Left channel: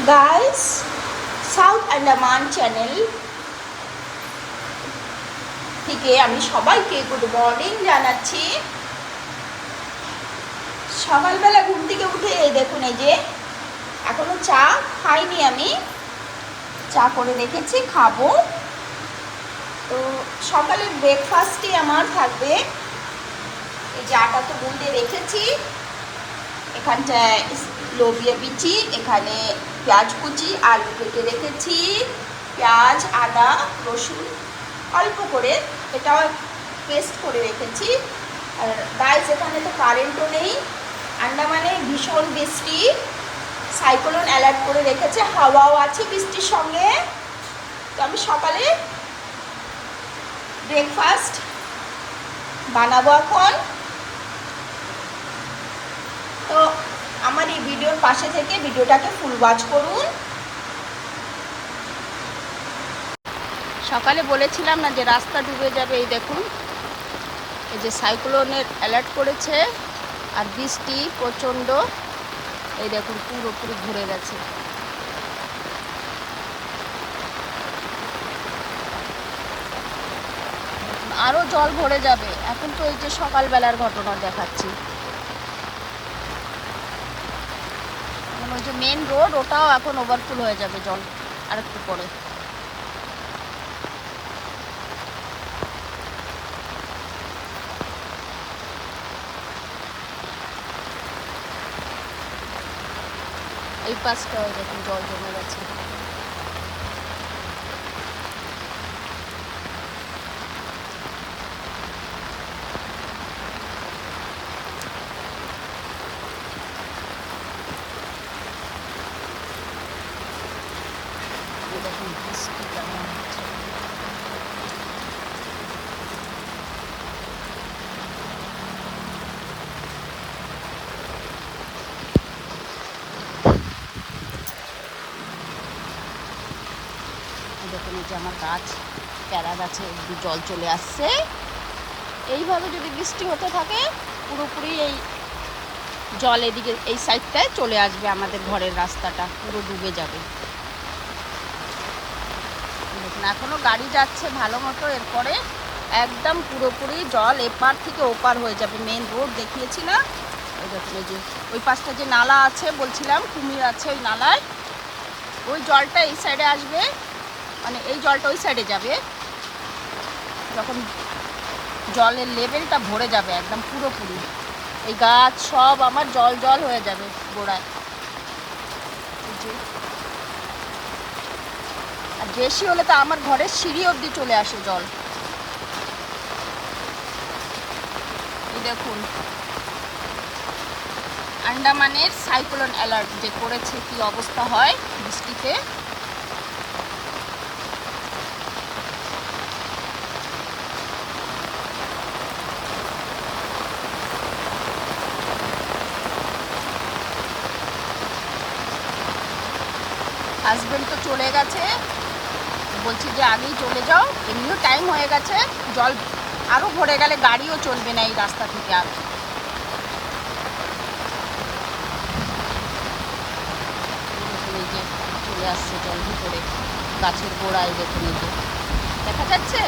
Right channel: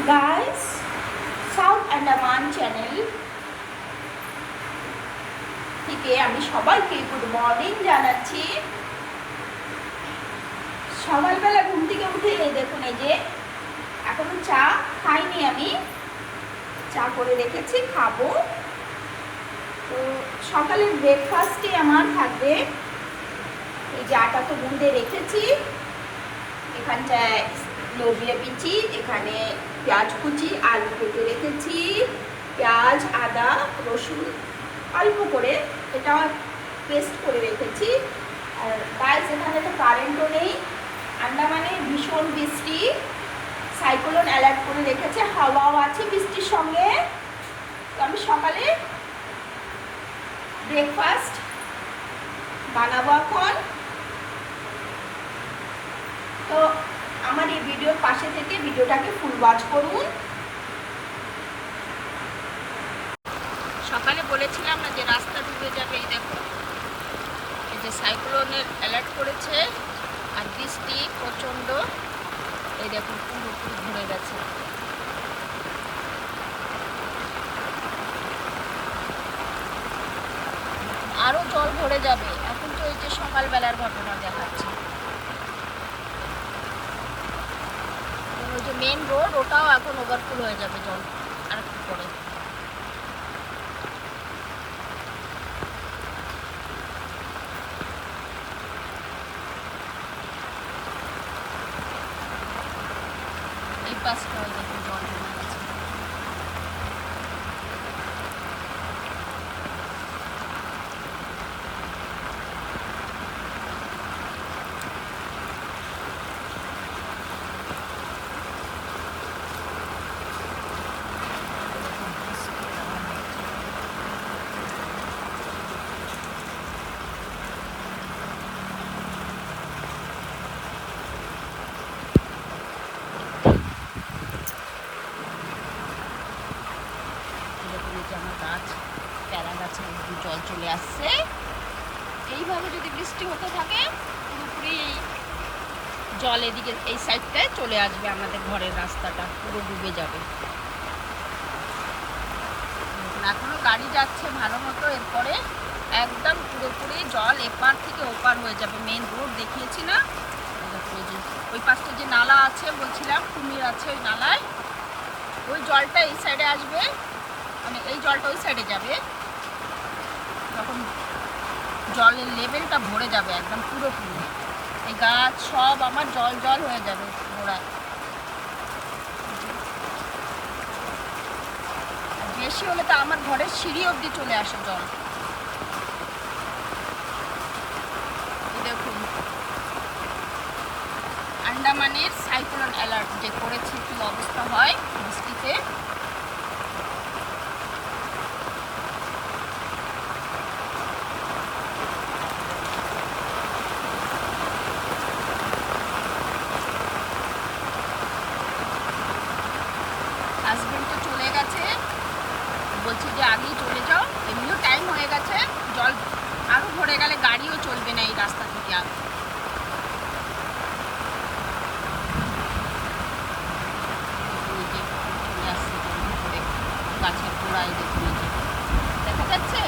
Guys, south Andaman channel থেকে আমি সবাইকে গুড মর্নিং জানাচ্ছি। সকালবেলা ঘুম থেকে উঠে এই দেখুন, এই যে এখনো চা খাইনি, আমি চা করে রেখেছি, খাবো। তো সকালের ব্রেকফাস্টই আমার থাকবে। এই যে আটা তো গুঁড়ে রেখেছি, এখানটায় লোবিয়া বিচি, এখানে পেঁয়াজ কুচি, আলু কেটে রেখেছি, পেঁয়াজ, আদা, রসুন অল্প করে এটা পেস্ট করে রেখেছি। আর গাইস, এখানে তো কারেন্টও নেই, আন্দামানে ভীষণ বৃষ্টি, সাইক্লোন অ্যালার্ট করে রেখেছে, হাওয়াও আছে বৃষ্টির সঙ্গে। তো আমি সকালে ব্রেকফাস্ট বানাবো এখন। তো আমার এই ভিডিওর পাশে থেকে ভিডিওটাকে ফুল ওয়াচ করুন। সকালে বলেছিলাম না যে রাস্তা ডুবে যাবে, এই দেখুন, এই যে সাইক্লোনের অ্যালার্ট করেছে আর বৃষ্টি প্রচণ্ড, এই দেখুন পুরোপুরি ভরে গেছে। আরও জল ভরে যাবে। এখন তো এই যে সকালবেলার ঘটনা দেখাচ্ছি, ওই যে মেন রোড, ওটাও এখন ওভারফুল হয়ে যাবে জল আর একটু পরে। এই পাশটাও দেখুন জল জমে গেছে। দেখুন এই যে আমার গাছ, প্যারা গাছে একটু জল চলে আসছে। এইভাবে যদি বৃষ্টি হতে থাকে পুরোপুরি এই জল এদিকে এই সাইডটায় চলে আসবে, আমাদের ঘরের রাস্তাটা পুরো ডুবে যাবে। দেখুন এখনো গাড়ি যাচ্ছে ভালো মতো, এরপরে একদম পুরোপুরি জল এপার থেকে ওপার হয়ে যাবে। মেন রোড দেখিয়েছি না, ওই দেখুন এই যে ওই পাশটা যে নালা আছে বলছিলাম, কুমির আছে ওই নালায়, ওই জলটা এই সাইডে আসবে, মানে এই জলটা ওই সাইডে যাবে। যখন জলের লেভেলটা ভরে যাবে একদম পুরোপুরি, এই গাছ সব আমার জল জল হয়ে যাবে গোড়ায়। আর বেশি হলে তো আমার ঘরের সিঁড়ি অবধি চলে আসে জল। দেখুন আন্দামানের সাইক্লোন অ্যালার্ট যে করেছে, কি অবস্থা হয় বৃষ্টিতে। হাজবেন্ড তো চলে গেছে, বলছি যে আমি চলে যাও, এমনিও টাইম হয়ে গেছে, জল আরও ভরে গেলে গাড়িও চলবে না এই রাস্তা থেকে আর। চলে আসছে জল ভিতরে, গাছের গোড়ায় দেখুন, দেখা যাচ্ছে।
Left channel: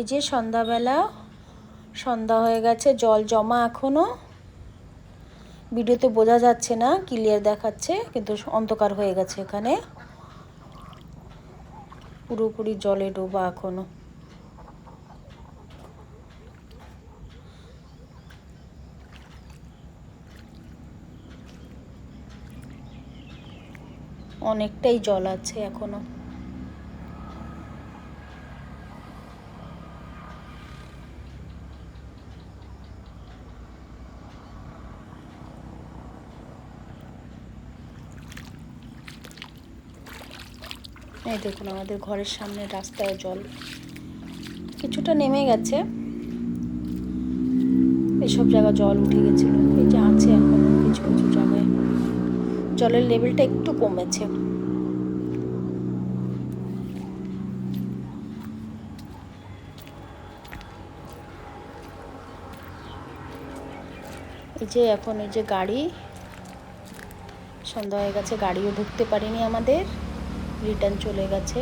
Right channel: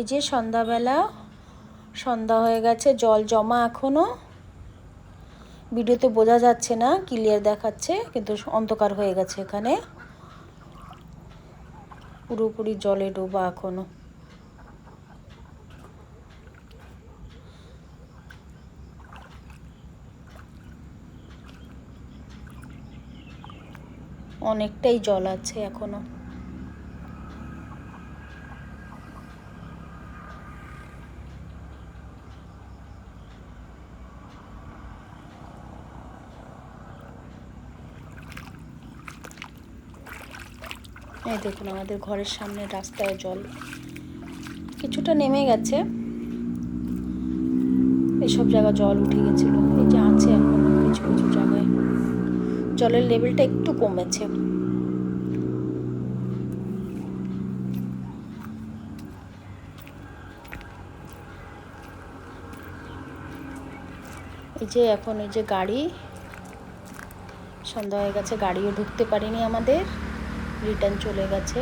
এই যে সন্ধ্যাবেলা, সন্ধ্যা হয়ে গেছে, জল জমা এখনো। ভিডিওতে বোঝা যাচ্ছে না, ক্লিয়ার দেখাচ্ছে কিন্তু অন্ধকার হয়ে গেছে এখানে, পুরোপুরি জলে ডোবা এখনো। অনেকটাই জল আছে এখনো। এই দেখুন আমাদের ঘরের সামনে রাস্তায় জল কিছুটা নেমে গেছে, এসব জায়গা জল উঠে গেছিল, এই যে আছে এখনো কিছু কিছু জায়গায় জলের লেভেলটা একটু কমেছে। এই যে এখন এই যে গাড়ি, সন্ধ্যা হয়ে গেছে, গাড়িও ঢুকতে পারিনি আমাদের, রিটার্ন চলে গেছে।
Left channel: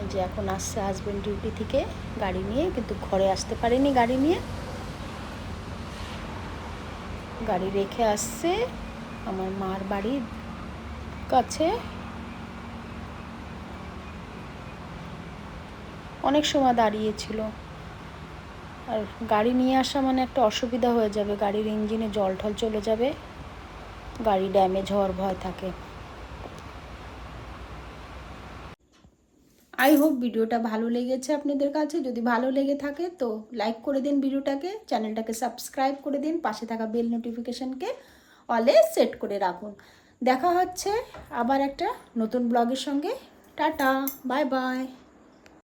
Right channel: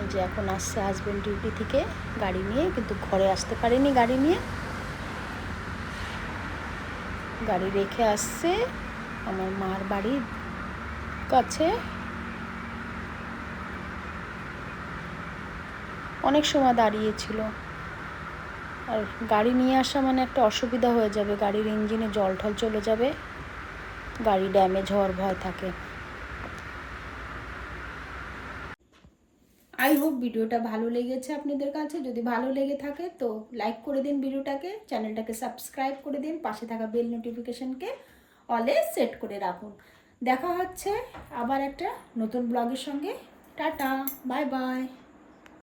এই যে এখন আসছে হাজব্যান্ড ডিউটি থেকে গাড়ি নিয়ে, কিন্তু ঘরে আসতে পারেনি গাড়ি নিয়ে, গাড়ি রেখে আসছে আমার মার বাড়ির কাছে। অনেক সময় দাঁড়িয়েছিল, আর গাড়ি নিয়ে আসা মানে একটা অসুবিধা হয়ে যাবে, গাড়ির ইঞ্জিনে জল ঠল চলে যাবে, গাড়ি ড্যামেজ হওয়ার ভয় থাকে। আই হোপ ভিডিওটা ভালো লেগেছে আপনাদের কাছে। যদি ভালো লেগে থাকে তো লাইক করে দিন ভিডিওটাকে, চ্যানেলটাকে সাবস্ক্রাইব করে দিন, পাশে থাকা বেল নোটিফিকেশনকে অলে সেট করে রাখুন। দেখা হচ্ছে আবার একটা নতুন ব্লগের সঙ্গে। Tata, bye bye.